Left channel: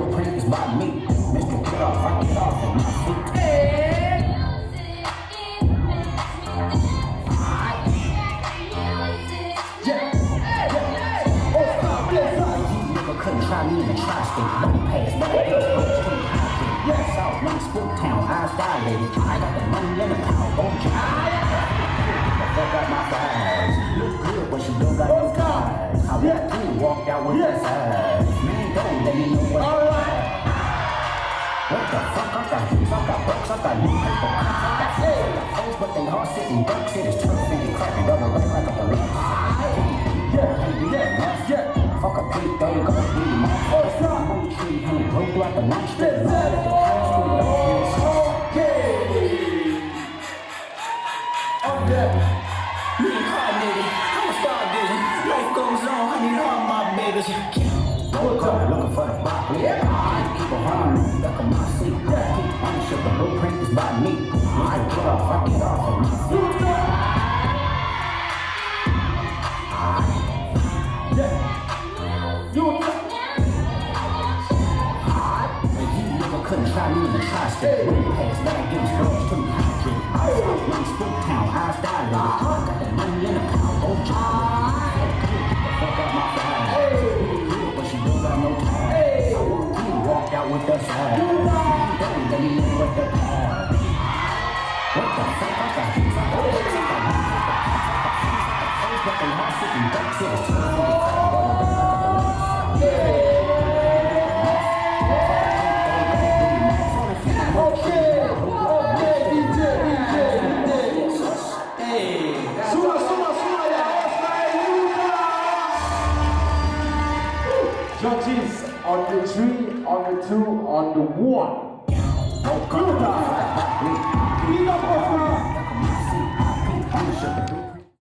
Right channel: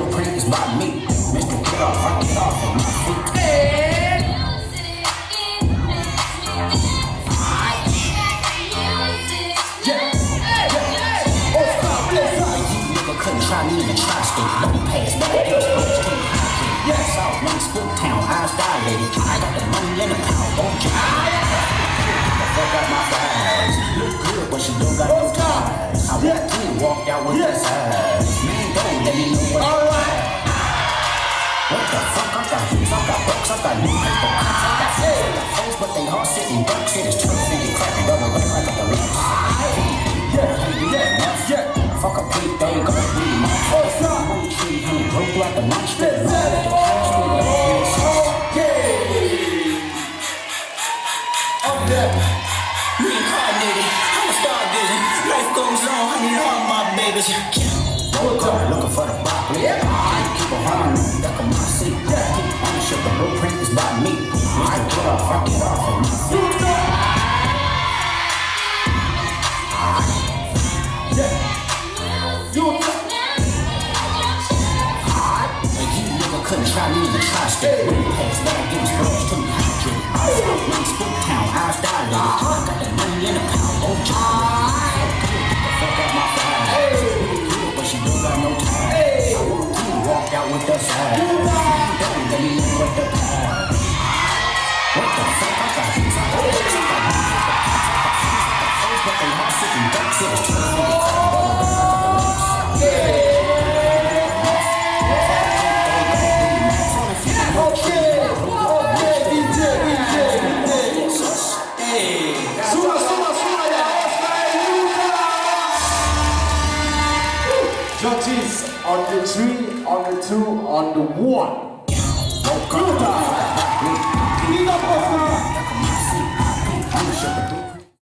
blueprint is by me. Mr. Get off, I get off of my feet. Couldn't try me in the tri-state. Let me pass, but I guess it's too high. Yes, South Main, Spooktown, eyes dilated. I got the money in the pound, won't you? Fuck out my thighs. Look good, but she don't got no ties. I walked in, walked out with that size. Man, don't let me know what what the fuck? I got hoops, I got bucks, I got new paper. I got fans, I got foes, but they all sitting ducks. It is turf, and you cracking double up like a deluxe. Yeah. Fuck a big thing, go be my first one. Tree, honey, broke like a monster. Reincarnated, I'm a star vision. Life goes on, honey, all my babies. Looking for the broccoli. Keep a harmony, duck on my seat. Keep ownership, the blueprint is by me. I get off of my feet. Couldn't try me in the tri-state. When you pass, but I give these girls too hydrated. South Main, Spooktown, eyes dilated. I got the money in the pound, won't you? Fuck out my thighs. Good, but she don't got no time. I walked in, walked out with that side. Don't let me know what the past. What the fuck? I got hoops, I got chicks, I got knees, I got foes, but they all sitting ducks. It is turf, and you cracking double up like a deluxe. Judges on the 3, on the 2, on the 1. Nyuta.